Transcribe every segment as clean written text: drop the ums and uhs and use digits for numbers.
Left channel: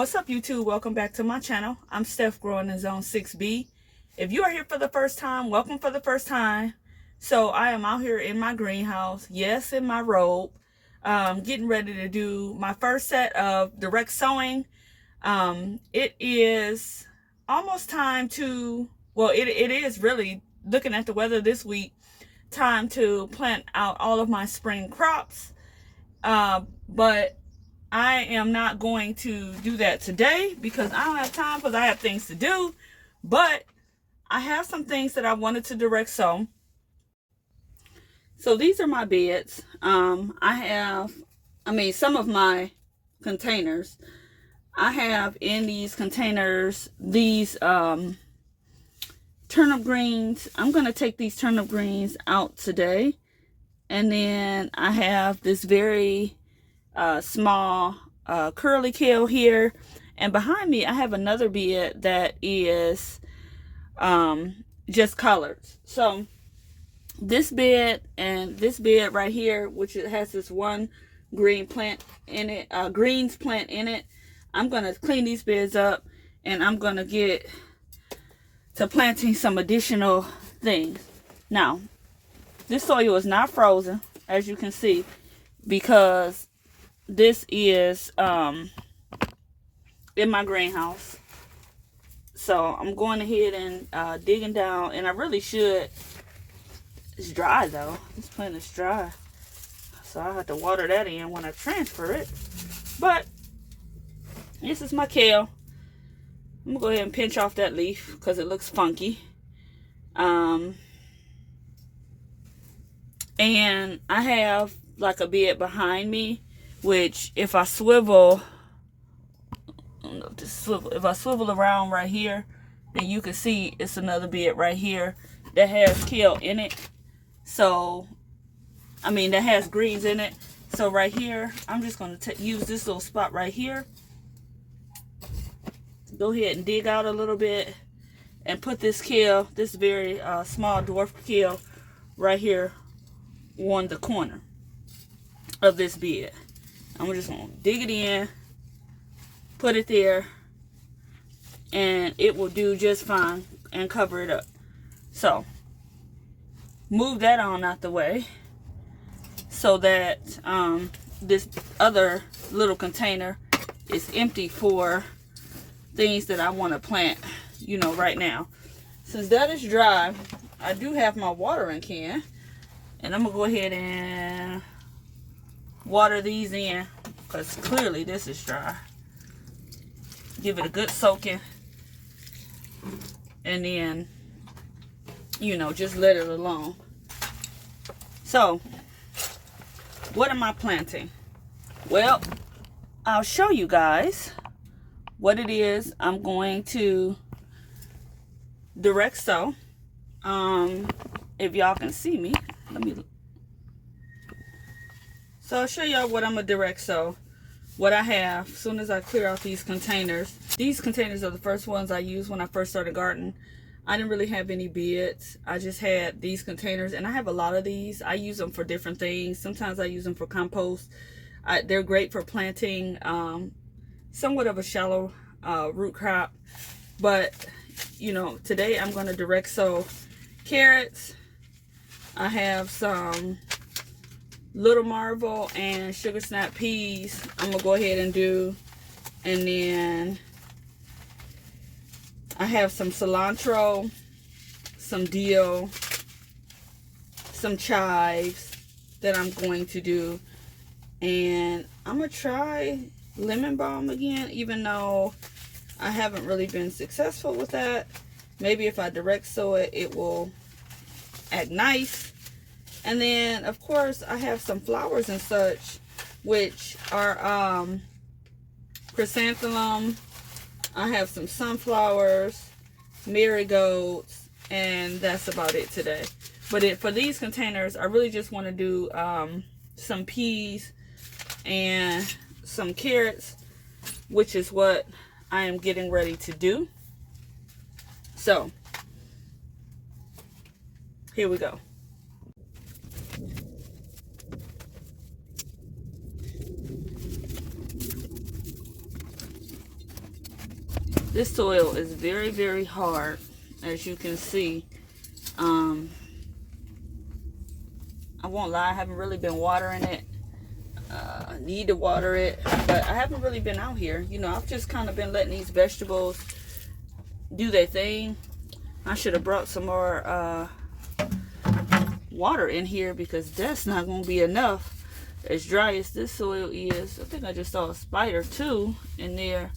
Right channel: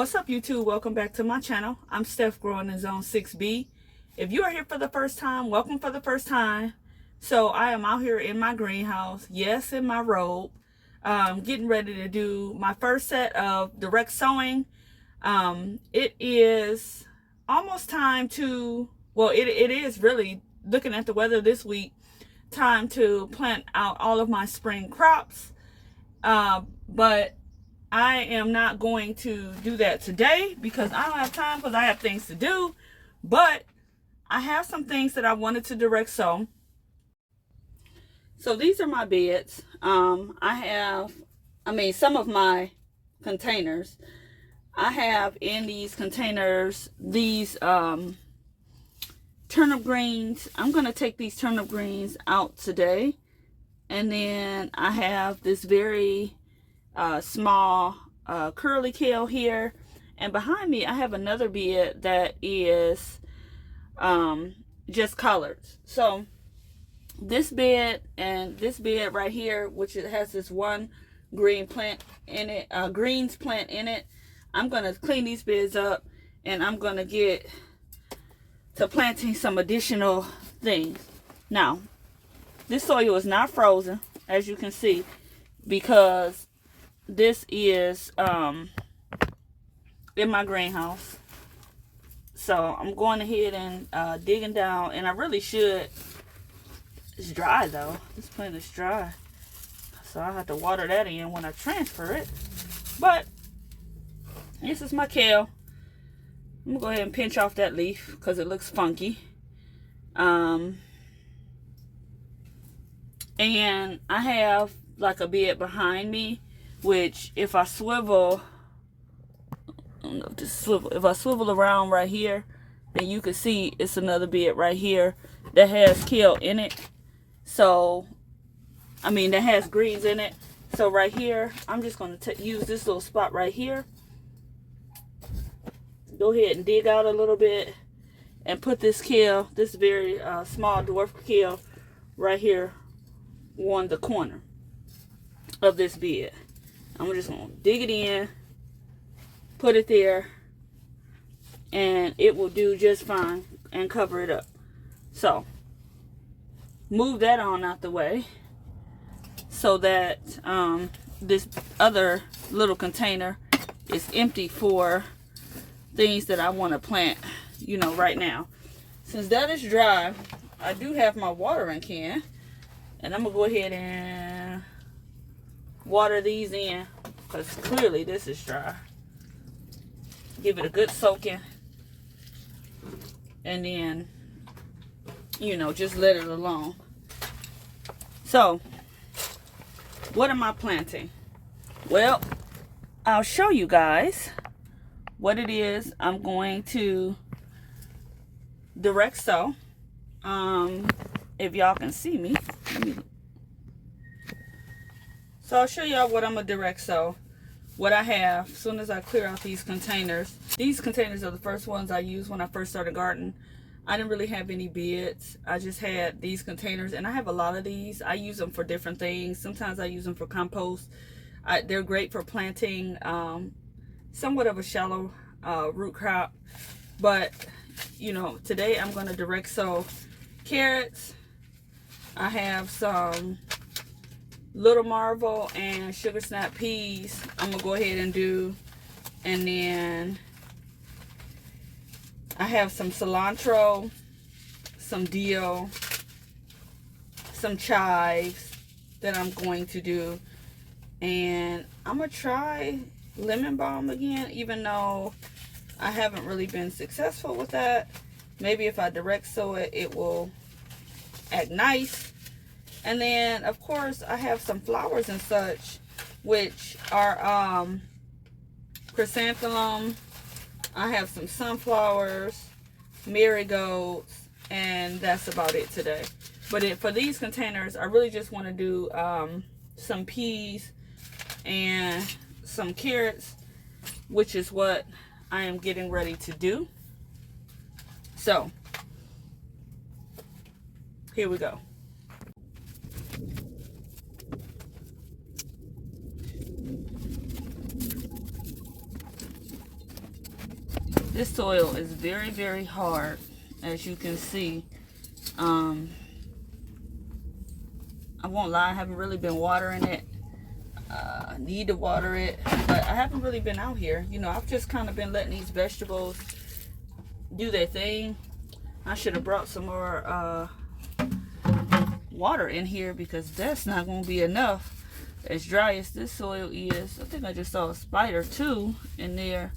What's up, YouTube? Welcome back to my channel. I'm Steph, growing in Zone 6B. If you are here for the first time, welcome for the first time. So I am out here in my greenhouse, yes, in my robe, getting ready to do my first set of direct sowing. It is almost time to, well, it is really, looking at the weather this week, time to plant out all of my spring crops. But I am not going to do that today because I don't have time, because I have things to do. But I have some things that I wanted to direct sow. So these are my beds. Some of my containers. I have in these containers these turnip greens. I'm going to take these turnip greens out today. And then I have this very small curly kale here, and behind me I have another bed that is just collards. So this bed and this bed right here, which it has this one green plant in it, greens plant in it, I'm gonna clean these beds up and I'm gonna get to planting some additional things. Now this soil is not frozen, as you can see, because this is in my greenhouse. So I'm going ahead and digging down, and I really should. It's dry though. This plant is dry, so I have to water that in when I transfer it. But this is my kale. I'm gonna go ahead and pinch off that leaf because it looks funky. And I have like a bed behind me, which if I swivel, I don't know if this swivel, if I swivel around right here, then you can see it's another bed right here that has kale in it. So, that has greens in it. So right here, I'm just going to use this little spot right here. Go ahead and dig out a little bit and put this kale, this very small dwarf kale right here on the corner of this bed. I'm just going to dig it in, put it there, and it will do just fine and cover it up. So, move that on out the way so that this other little container is empty for things that I want to plant, right now. Since that is dry, I do have my watering can, and I'm going to go ahead and water these in because clearly this is dry. Give it a good soaking, and then just let it alone. So what am I planting? Well, I'll show you guys what it is I'm going to direct sow. If y'all can see me, so I'll show y'all what I'm gonna direct sow. What I have, as soon as I clear out these containers. These containers are the first ones I used when I first started gardening. I didn't really have any beds. I just had these containers, and I have a lot of these. I use them for different things. Sometimes I use them for compost. They're great for planting somewhat of a shallow root crop. But, today I'm going to direct sow carrots. I have some Little Marvel and Sugar Snap peas I'm gonna go ahead and do, and then I have some cilantro, some dill, some chives that I'm going to do, and I'm gonna try lemon balm again, even though I haven't really been successful with that. Maybe if I direct sow it, it will act nice. And then, of course, I have some flowers and such, which are chrysanthemum. I have some sunflowers, marigolds, and that's about it today. But for these containers, I really just want to do some peas and some carrots, which is what I am getting ready to do. So, here we go. This soil is very, very hard, as you can see. I won't lie, I haven't really been watering it. Need to water it, but I haven't really been out here. You know, I've just kind of been letting these vegetables do their thing. I should have brought some more water in here, because that's not going to be enough. As dry as this soil is, I think I just saw a spider too in there,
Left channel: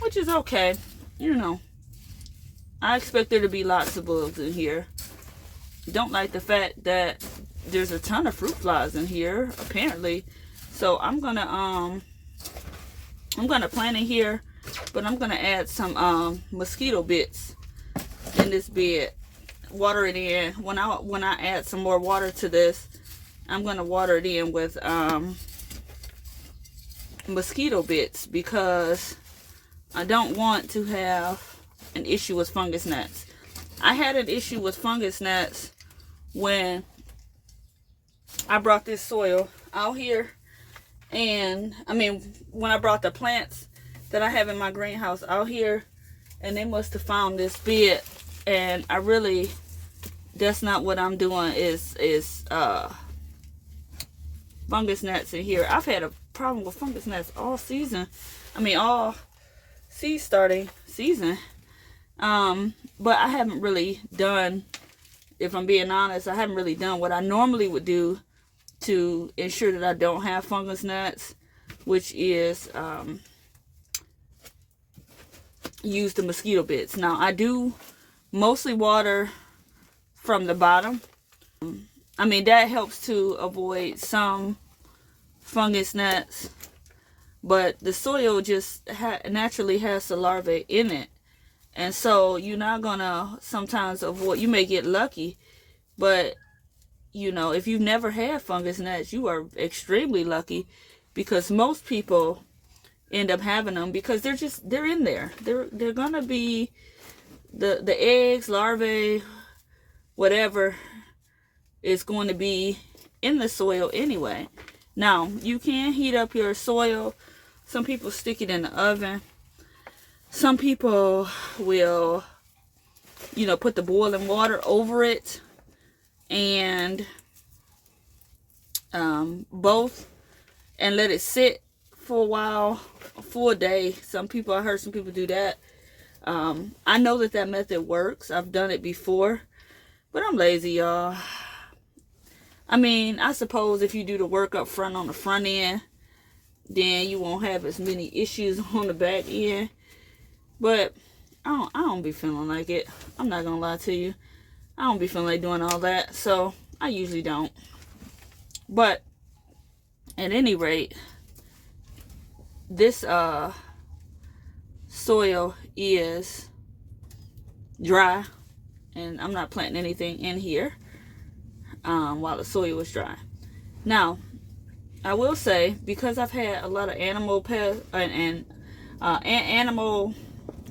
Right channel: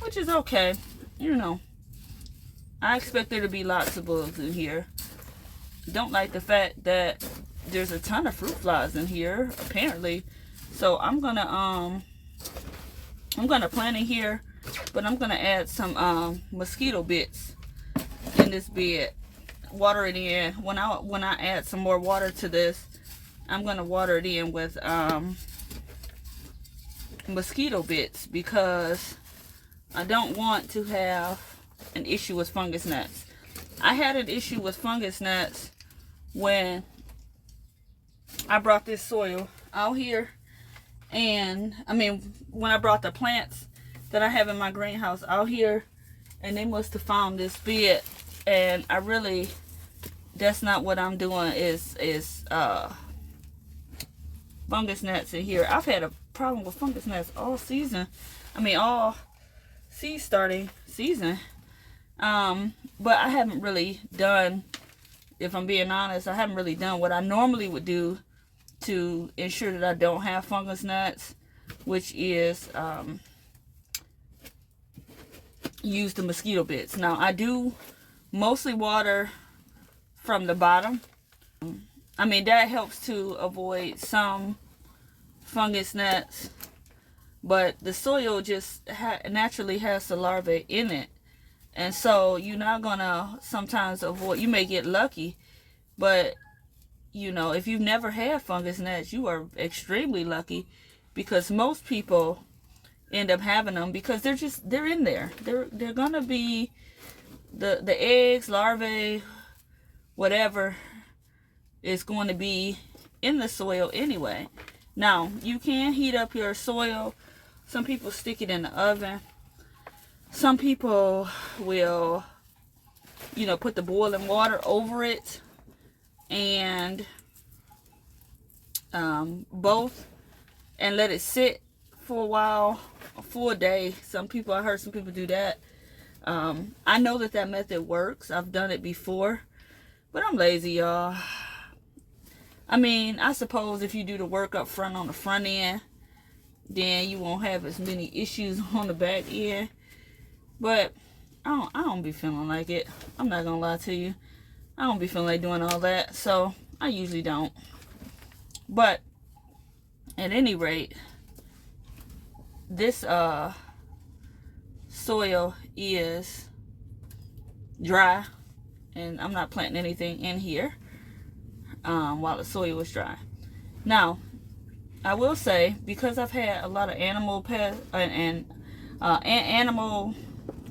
which is okay. You know, I expect there to be lots of bugs in here. Don't like the fact that there's a ton of fruit flies in here, apparently. So I'm gonna plant in here, but I'm gonna add some mosquito bits in this bed. Water it in. When I add some more water to this, I'm gonna water it in with mosquito bits, because I don't want to have an issue with fungus gnats. I had an issue with fungus gnats when I brought this soil out here, and I mean when I brought the plants that I have in my greenhouse out here, and they must have found this bed, and I really, that's not what I'm doing, is fungus gnats in here. I've had a problem with fungus gnats all season. I mean all seed starting season. But I haven't really done, if I'm being honest, I haven't really done what I normally would do to ensure that I don't have fungus gnats, which is use the mosquito bits. Now I do mostly water from the bottom. I mean, that helps to avoid some fungus gnats, but the soil just naturally has the larvae in it. And so you're not gonna sometimes avoid, you may get lucky, but you know, if you've never had fungus gnats, you are extremely lucky, because most people end up having them because they're in there. They're gonna be the eggs, larvae, whatever is going to be in the soil anyway. Now, you can heat up your soil. Some people stick it in the oven. Some people will, you know, put the boiling water over it, and both, and let it sit for a while, a full day. I heard some people do that. I know that method works. I've done it before, but I'm lazy, y'all. I mean, I suppose if you do the work up front on the front end, then you won't have as many issues on the back end. But I don't be feeling like it. I'm not gonna lie to you. I don't be feeling like doing all that, so I usually don't. But at any rate, this soil is dry, and I'm not planting anything in here while the soil is dry. Now, I will say, because I've had a lot of animal pest and animal,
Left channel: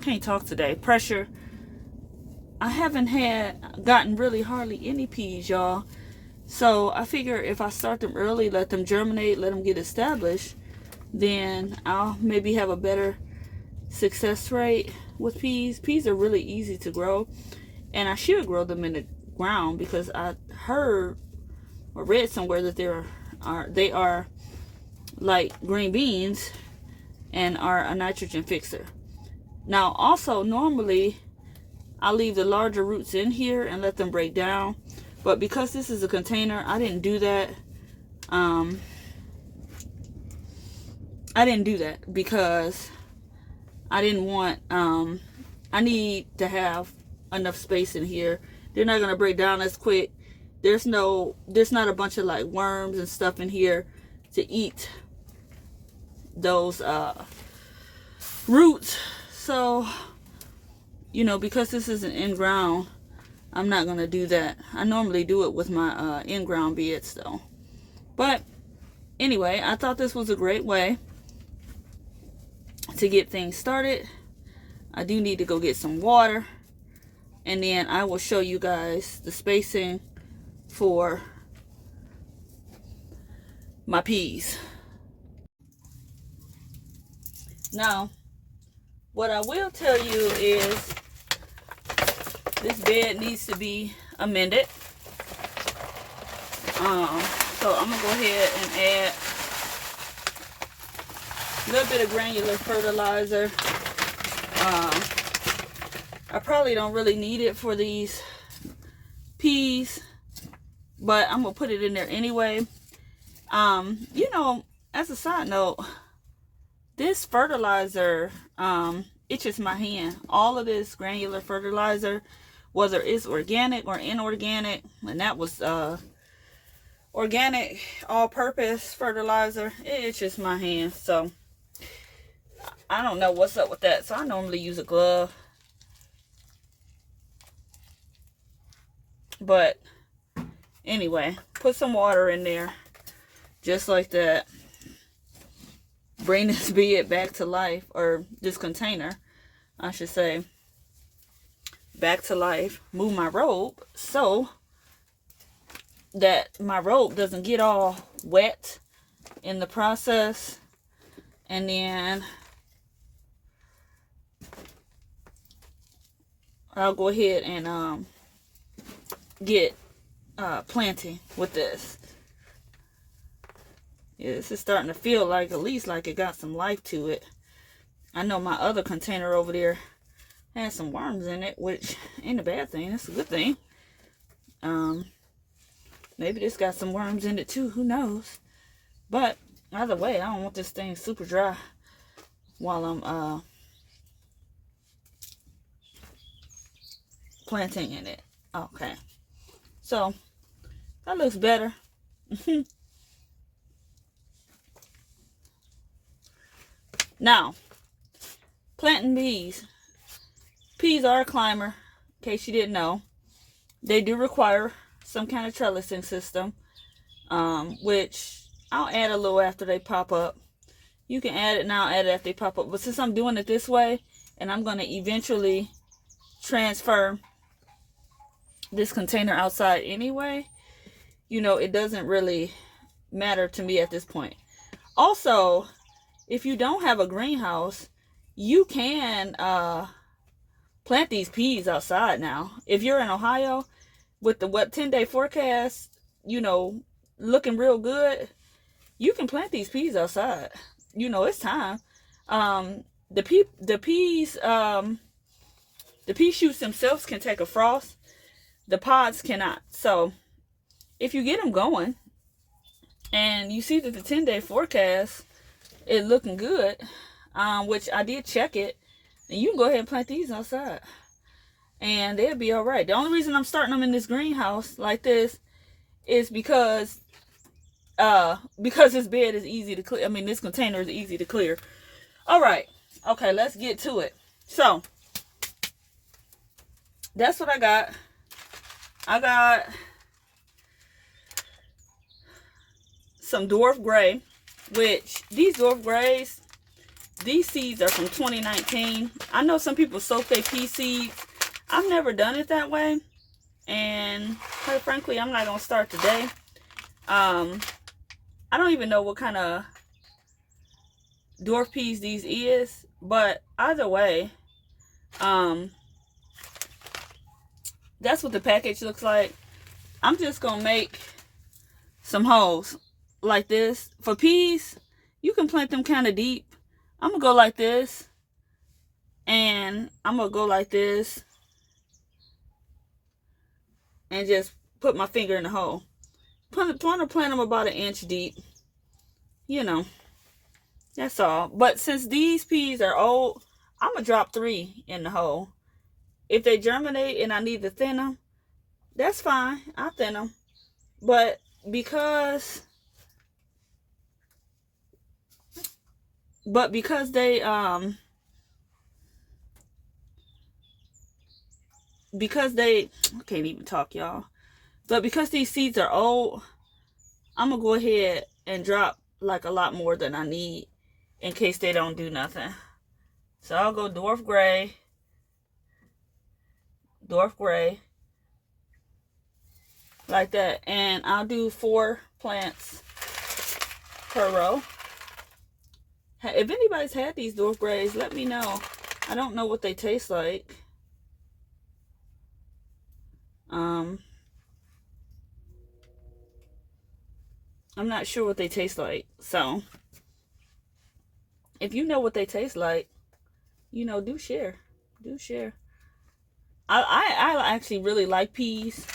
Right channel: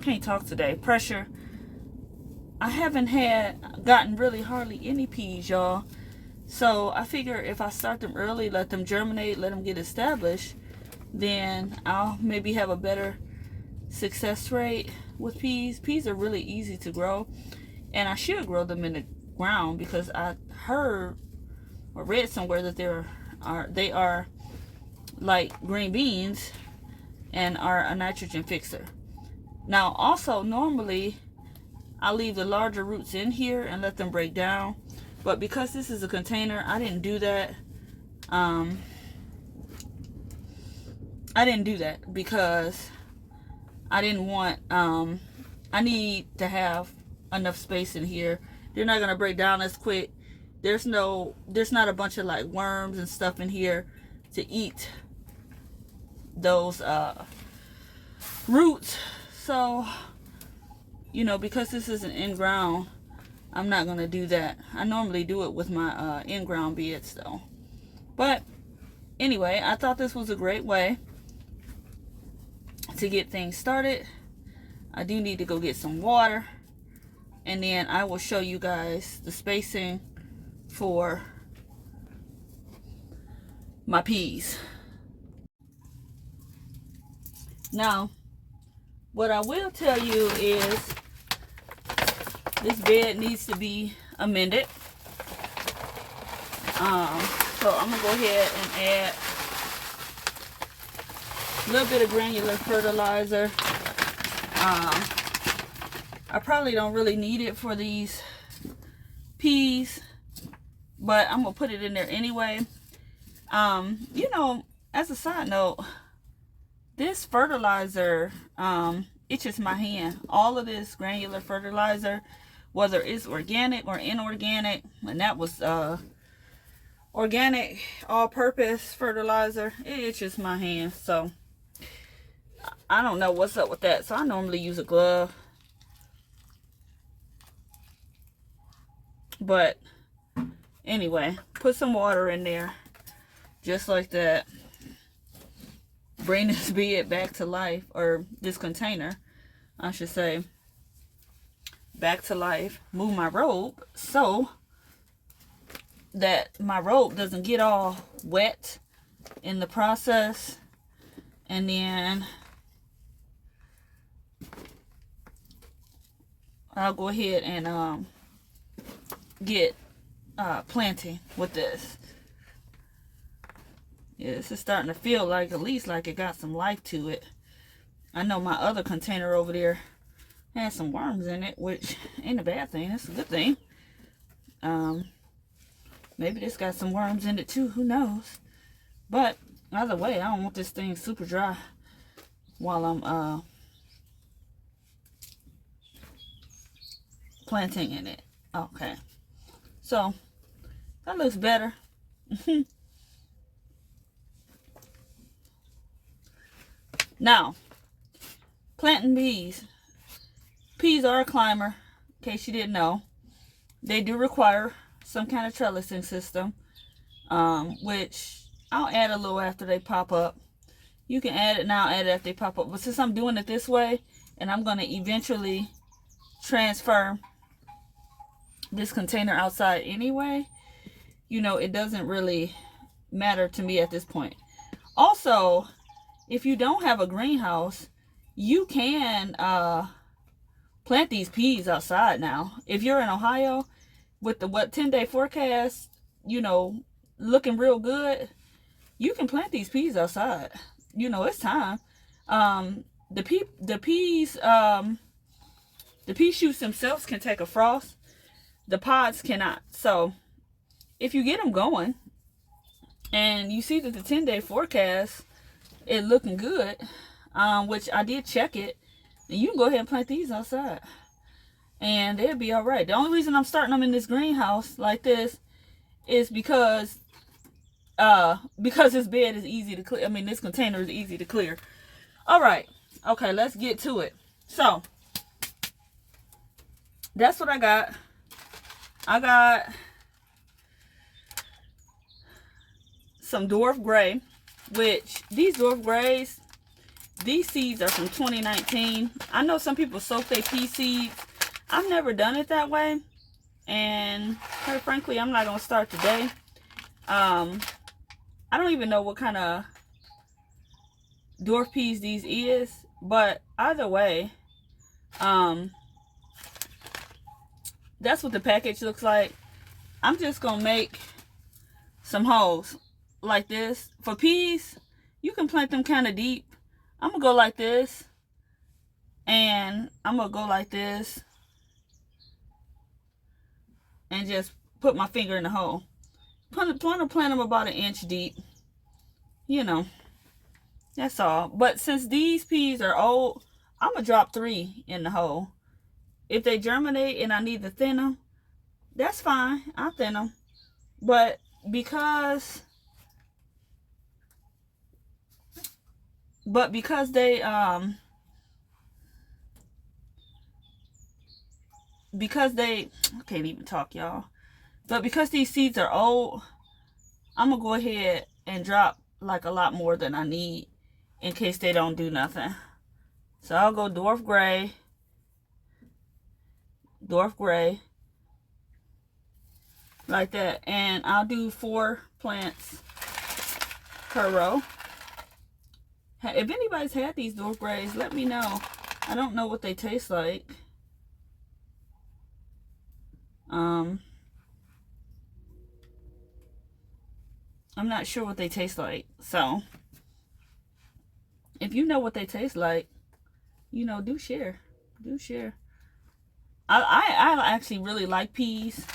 can't talk today, pressure, I haven't gotten really hardly any peas, y'all. So I figure if I start them early, let them germinate, let them get established, then I'll maybe have a better success rate with peas. Peas are really easy to grow, and I should grow them in the ground, because I heard or read somewhere that they are like green beans and are a nitrogen fixer. Now also, normally I leave the larger roots in here and let them break down, but because this is a container, I didn't do that. I didn't do that because I didn't want, I need to have enough space in here. They're not going to break down as quick. There's not a bunch of like worms and stuff in here to eat those roots. So, you know, because this isn't in ground, I'm not going to do that. I normally do it with my in-ground beds though. But anyway, I thought this was a great way to get things started. I do need to go get some water, and then I will show you guys the spacing for my peas. Now, What I will tell you is this bed needs to be amended. So I'm gonna go ahead and add a little bit of granular fertilizer. I probably don't really need it for these peas, but I'm gonna put it in there anyway. You know, as a side note, this fertilizer itches my hand. All of this granular fertilizer, whether it's organic or inorganic, and that was organic all-purpose fertilizer, it itches my hand. So I don't know what's up with that. So I normally use a glove, but anyway, put some water in there just like that. Bring this bed back to life, or this container I should say, back to life. Move my robe so that my robe doesn't get all wet in the process. And then I'll go ahead and get planting with this. Yeah, this is starting to feel like, at least like it got some life to it. I know my other container over there has some worms in it, which ain't a bad thing. It's a good thing. Maybe this got some worms in it too. Who knows? But either way, I don't want this thing super dry while I'm planting in it. Okay. So that looks better. Now, planting peas. Peas are a climber, in case you didn't know. They do require some kind of trellising system, which I'll add a little after they pop up. You can add it now, add it after they pop up. But since I'm doing it this way, and I'm going to eventually transfer this container outside anyway, you know, it doesn't really matter to me at this point. Also, if you don't have a greenhouse, you can plant these peas outside now. If you're in Ohio, with the 10-day forecast, you know, looking real good, you can plant these peas outside. You know, it's time. The pea shoots themselves can take a frost. The pods cannot. So if you get them going and you see that the 10-day forecast is looking good, which I did check it, and you can go ahead and plant these outside and they'll be all right. The only reason I'm starting them in this greenhouse like this is because this bed is easy to clear. I mean, this container is easy to clear. All right. Okay, let's get to it. So that's what I got. I got some dwarf gray, which these dwarf grays, these seeds are from 2019. I know some people soak their pea seeds. I've never done it that way, and quite frankly, I'm not gonna start today. I don't even know what kind of dwarf peas these is, but either way, that's what the package looks like. I'm just gonna make some holes like this. For peas, you can plant them kind of deep. I'm gonna go like this, and I'm gonna go like this, and just put my finger in the hole. Want to plant them about 1 inch deep. You know, that's all. But since these peas are old, I'm gonna drop 3 in the hole. If they germinate and I need to thin them, that's fine. I'll thin them. But because they I can't even talk, y'all. But because these seeds are old, I'm gonna go ahead and drop like a lot more than I need in case they don't do nothing. So I'll go dwarf gray, like that, and I'll do 4 plants per row. If anybody's had these dwarf grays, let me know I don't know what they taste like. I'm not sure what they taste like. So if you know what they taste like, you know, do share. Do share. I actually really like peas.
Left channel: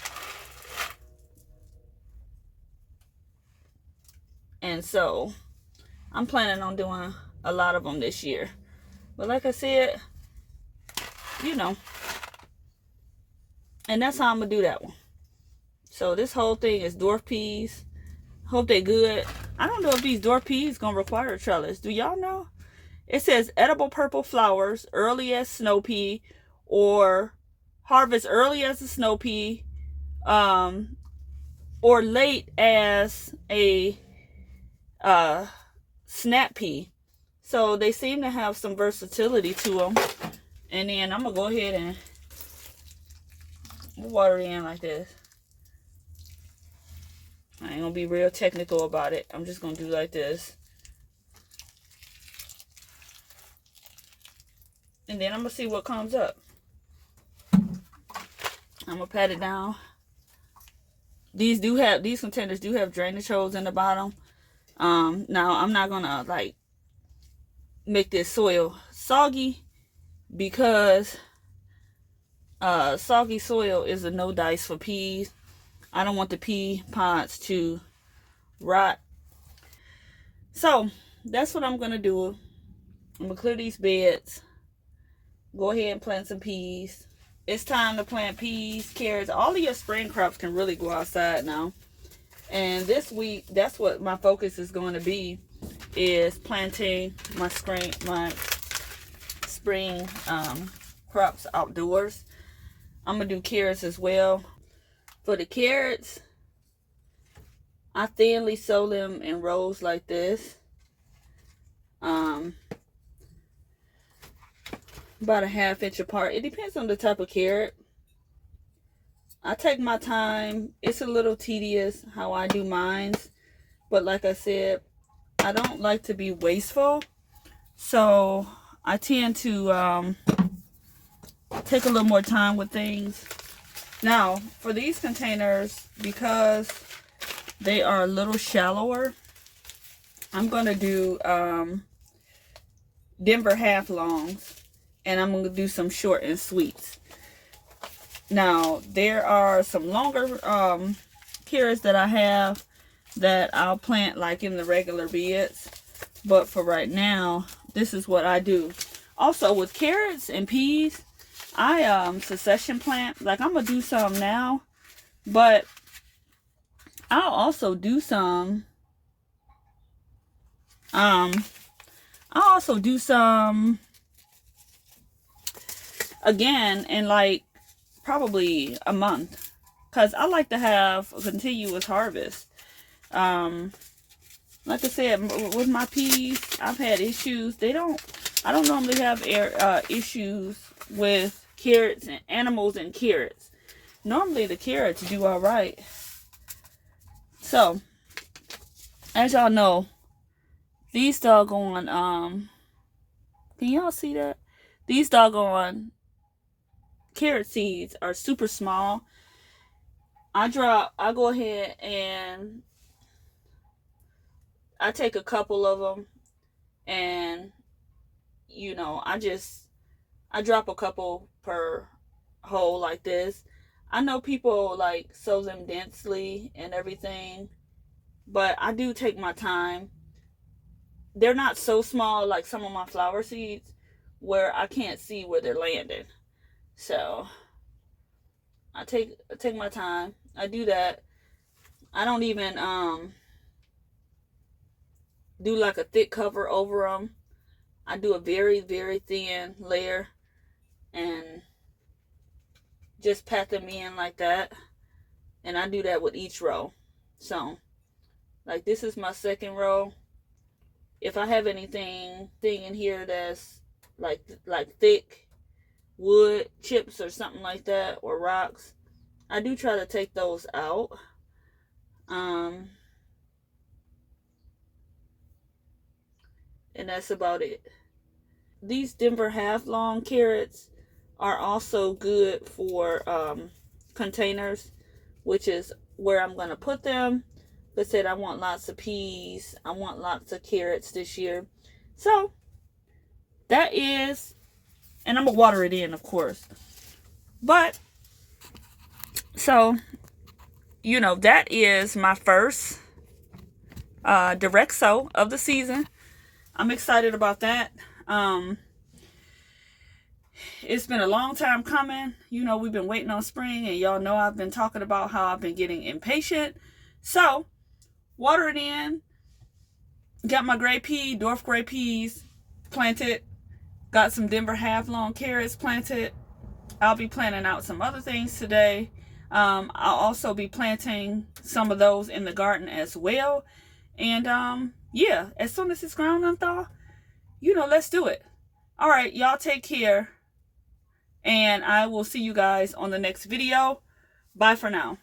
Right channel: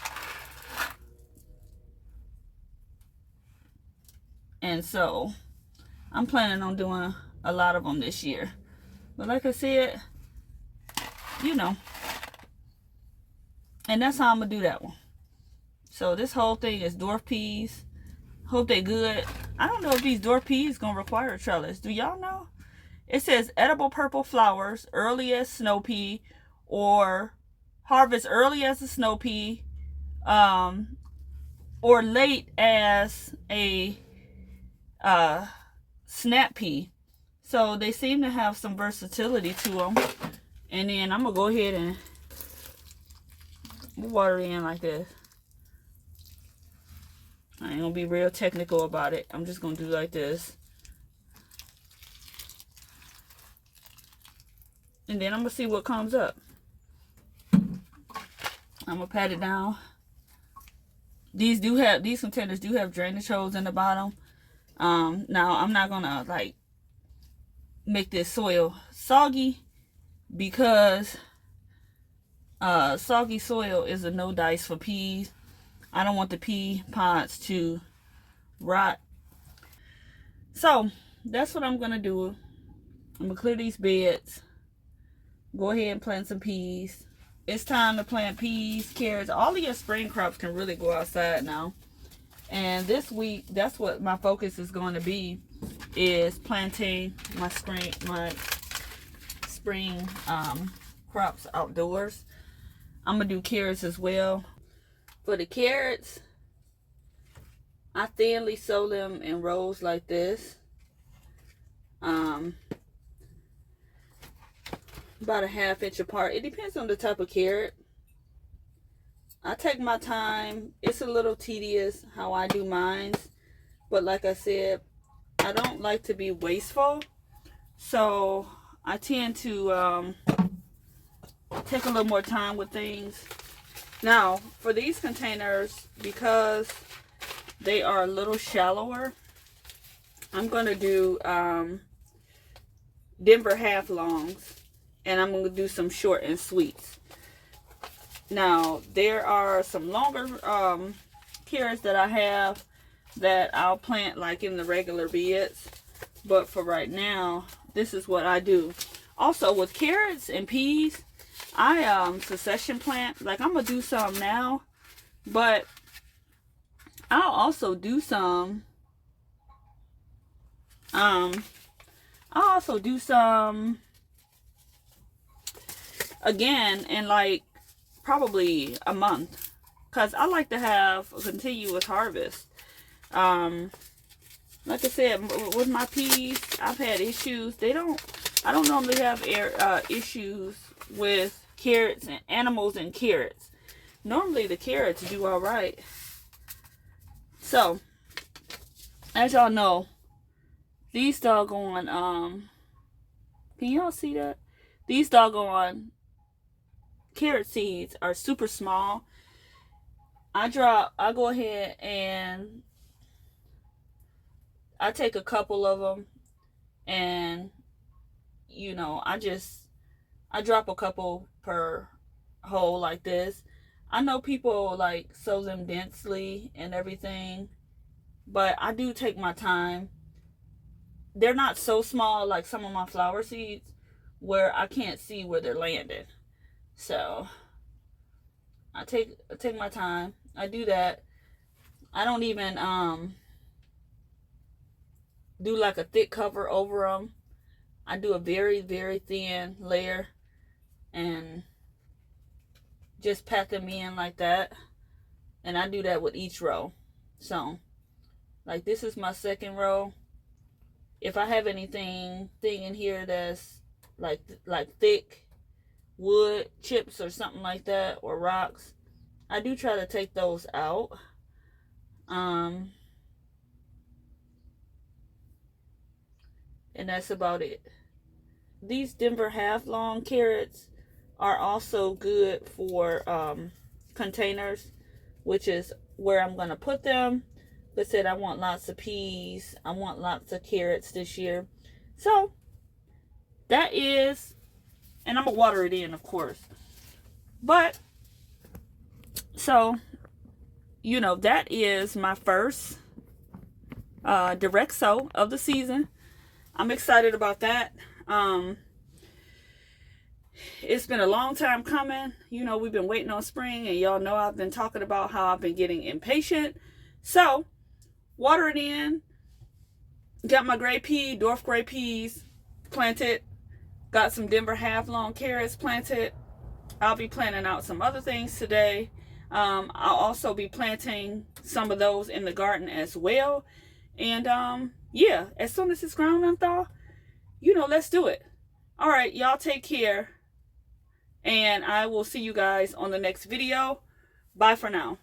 And so I'm planning on doing a lot of them this year. But like I said, you know, and that's how I'm going to do that one. So this whole thing is dwarf peas. Hope they good. I don't know if these dwarf peas going to require a trellis. Do y'all know? It says edible purple flowers, early as snow pea, or harvest early as a snow pea, or late as a snap pea. So they seem to have some versatility to them. And then I'm going to go ahead and water it in like this. I ain't going to be real technical about it. I'm just going to do like this. And then I'm going to see what comes up. I'm going to pat it down. These containers do have drainage holes in the bottom. Now I'm not going to like make this soil soggy, because soggy soil is a no dice for peas. I don't want the pea pods to rot. So that's what I'm going to do. I'm going to clear these beds. Go ahead and plant some peas. It's time to plant peas, carrots. All of your spring crops can really go outside now. And this week, that's what my focus is going to be, is planting my spring crops outdoors. I'm going to do carrots as well. For the carrots, I thinly sow them in rows like this. About a ½ inch apart. It depends on the type of carrot. I take my time. It's a little tedious how I do mine, but like I said, I don't like to be wasteful, so I tend to take a little more time with things. Now for these containers, because they are a little shallower, I'm going to do Denver half longs, and I'm going to do some short and sweets. Now there are some longer carrots that I have that I'll plant like in the regular beds, but for right now, this is what I do. Also with carrots and peas, I succession plant. Like I'm gonna do some now, but I'll also do some again in like probably a month, because I like to have a continuous harvest. Like I said, with my peas, I've had issues. I don't normally have issues with carrots and animals and carrots. Normally the carrots do all right. So, as y'all know, these doggone, can y'all see that? These doggone carrot seeds are super small. I go ahead and I take a couple of them, and you know, I drop a couple per hole like this. I know people like sow them densely and everything, but I do take my time. They're not so small like some of my flower seeds where I can't see where they're landing. So I take my time. I do that. I don't even do like a thick cover over them. I do a very, very thin layer and just pat them in like that. And I do that with each row. So, like this is my second row. If I have anything in here that's like thick wood chips or something like that, or rocks, I do try to take those out. And that's about it. these Denver half long carrots are also good for containers, which is where I'm going to put them. But said I want lots of peas. I want lots of carrots this year. So that is, and I'm going to water it in, of course. But, so, you know, that is my first direct sow of the season. I'm excited about that. It's been a long time coming. You know, we've been waiting on spring, and y'all know I've been talking about how I've been getting impatient. So, water it in. Got my gray pea, dwarf gray peas planted. Got some Denver half long carrots planted. I'll be planting out some other things today. I'll also be planting some of those in the garden as well. And yeah, as soon as it's ground unthaw, you know, let's do it. All right, y'all take care. And I will see you guys on the next video. Bye for now.